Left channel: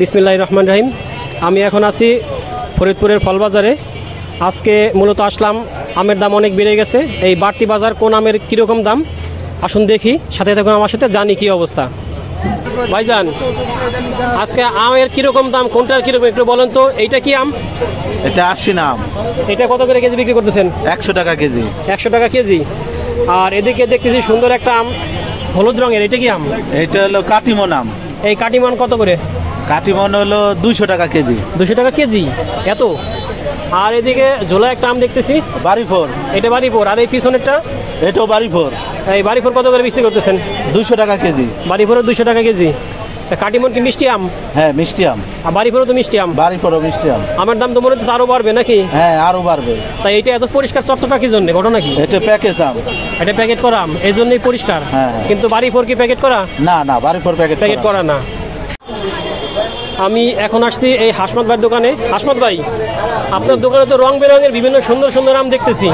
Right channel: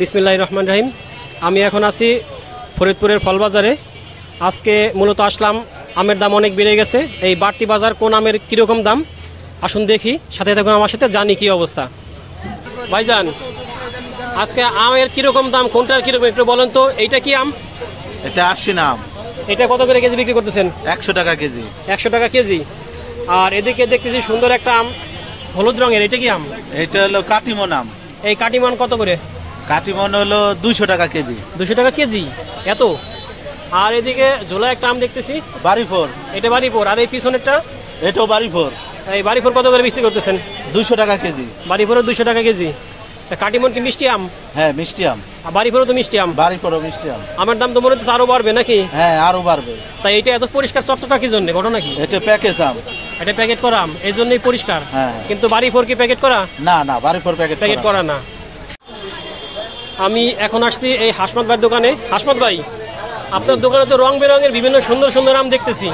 বিসমিল্লাহির রহমানির রহিম। আমি এখন আছি ফরিদপুরের ফল বাজারে। আজকে মূলত আসলাম, আমের দাম অনেক বেড়ে গেছে। এই বাড়তি বাজার কোন আমের কীরকম দাম আসুন দেখি, সাথে থাকুন আমার সাথে, জানি কি অবস্থা। ভাইজান, আজকে আমের কীরকম দাম, কোনটার কীরকম একটু বলেন তো। এইটা কি আম? এটা 80 না আম। এটা কত করে কেজি বিক্রি করতেছেন? 100 টাকা কেজি। 100 টাকা কেজি। আর এদিকে দেখতেছি সুন্দর একটা আম, হলুদ রঙের, এটা কি আম? এটা হলো কাটিমন আম। এই কাটিমান কত করে? কাটিমন হলো 200 টাকা কেজি। 200 টাকা কেজি, এত? আর এদিকে ঝোলা একটা আম দেখতেছি, বাড়িফোর। এটা বাড়িপুর। আর এই পিছনেরটা? এটাও বাড়িফোর। এই বাড়িপুর কত করে বিক্রি করতেছেন? 200 টাকা কেজি। বাড়িপুরের 200 টাকা কেজি। কাটিমন কি মিষ্টি আম? হ্যাঁ, মিষ্টি আম। আর বাড়িপুরও তো মিষ্টি আম। বাড়িফোরও মিষ্টি আম। আমার দাম তো মনে হচ্ছে আরো বাড়বে নাকি? হ্যাঁ, আরো বাড়বে। তাই এটা এত পরিষ্কার চকচকা কি জন্য, ঘটনা কি? এটা প্যাকেজ আম। এটা প্যাকেট করা আম, এই জন্যই পরিষ্কার। হ্যাঁ। কিন্তু বাড়িপুর কি প্যাকেট করা? না না, বাড়িফোর প্যাকেট করা না। আমি এখন আসছি এই হাসমত ভাইয়ের দোকানে। হাসমত ভাই, আপনার দোকানে তো রং বেরঙের বিভিন্ন সুন্দর সুন্দর আম দেখতেছি।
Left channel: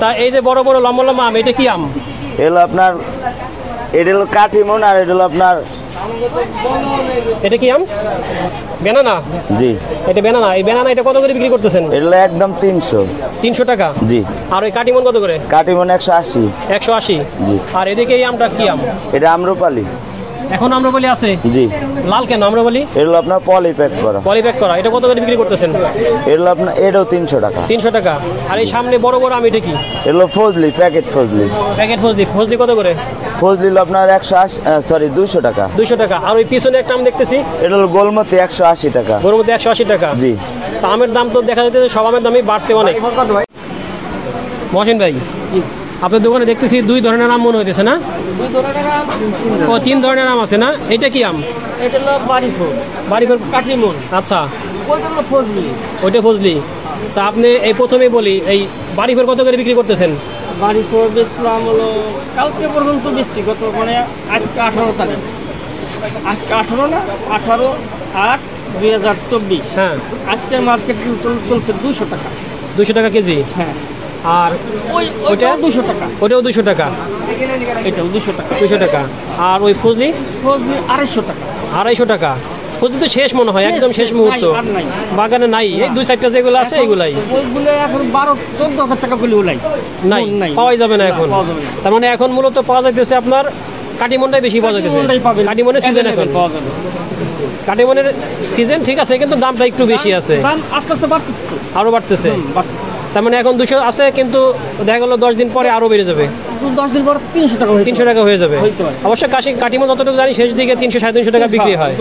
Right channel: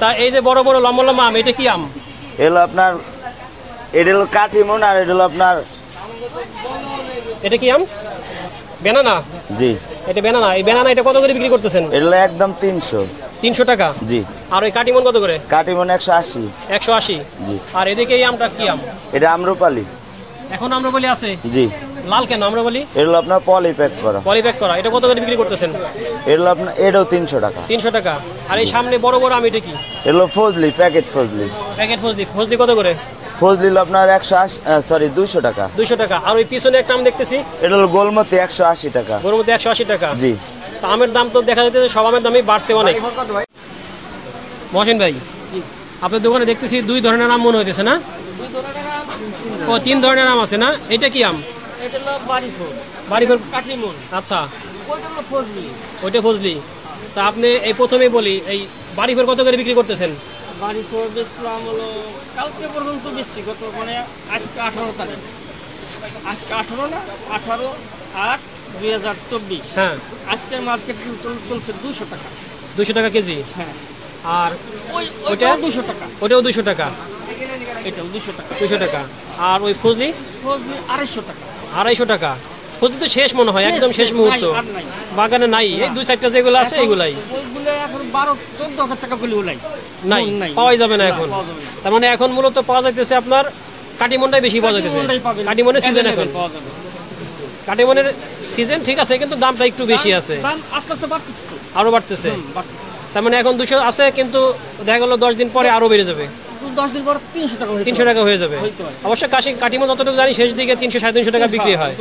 তা এই যে বড় বড় লম্বা লম্বা আম, এটা কি আম? এগুলো আপনার, এটা হলো কাটিমন, আর এটা হলো আপনার, এটা কি আম? বেনানা? জি, এটা বেনানা। এই বেনানা এটা কত করে বিক্রি করতেছেন? এগুলো একদম 300। 300 টাকা? জি। আর ওই কাটিমন কত করে? কাটিমন 180। 180? জি। আর এদিকে এই আমটা কি আম? এটা আম্রপালি। এখন আম্রপালি আছে? জি। লাল কেন আম্রপালি? এগুলো আপনার পলি প্যাক করা। পলি প্যাক করা। এটা কত করে বিক্রি করতেছেন? এগুলো আপনার, এটাও 300 টাকা। 300 টাকা। আর এই সামনে বড় বড় আম, এটা কি? এগুলো ফজলি, প্যাকেট ফজলি। প্যাকেট ফজলি। ফজলি কত করে? ফজলি হলো আপনার 200 টাকা। 200 টাকা। আর ওই পিছনে একটা আম দেখতেছি, এটা হলো গোলমতি, 180 টাকা। ওর মধ্যে 180 টাকা। জি। তা আমের দাম তো দেখা যাচ্ছে সব আমের দামই বাড়ছে অনেক। মহসিন ভাই, আপনার দোকানে দেখতেছি 2 ধরনের আম মনে হইতেছে না? 2 ধরনের আম। ও, 3 ধরনের আম আছে না? এটা কি আম? এটা হলো বাড়িফোর। বাড়িপুর কাটিমন। আচ্ছা, ওইটা হলো ফজলি। ওইটা ফজলি। তা আপনি এই প্রথমে বলি, এই বাড়িপুর কত করে বিক্রি করতেছেন? বাড়িফোর বেচলাম হলো কালকে পর্যন্ত বেচছি, গত মানে আজকে 18 তারিখ। আজকে 18 না, 18/8/2024। হ্যাঁ। আজকের মার্কেট চলছে 200 টাকা। 200 টাকা কেজি? হ্যাঁ। আর ওইটাও 200 টাকা। ওইটাও 200 টাকা? এটাও 200 টাকা। 200 টাকা। আর ওই ফজলি? ফজলি 250 টাকা। 250 টাকা। ফজলি তো শেষ মনে হয়, একদম শেষ মুহূর্ত। আর নাই। বাগানে নাই, এই 2-4টা যেগুলো আছে এইগুলাই। ওইগুলো এখন 12-14 হাজার টাকা করে ওলাই নাই, পাওয়াই যাবে না এখন। পাওয়া যাবে না। তার মানে এখন মূলত পাওয়া যাইতেছে আপনার কাটিমনটাই বেশি পাওয়া যাইতেছে। কাটিমনের সিজন এখন পাওয়া যাবে। কাটিমনের সিজন ঠিক আছে, কিন্তু দামটা একটু বেশি আছে। দাম আস্তে আস্তে বাড়তেছে তো। আরো বাড়তেছে। বাড়তেছে। তার মানে এখন 200 আছে, কিন্তু দেখা গেল 10 দিন পরে আরো বেড়ে যাবে। 10 দিন পর 300 টাকা হয়ে 300 টাকা হয়ে যাবে। হইতে পারে। অবশ্য কাটিমন যতটুকু জানি শেষ দিকে 300-350 টাকা বিক্রি হয়।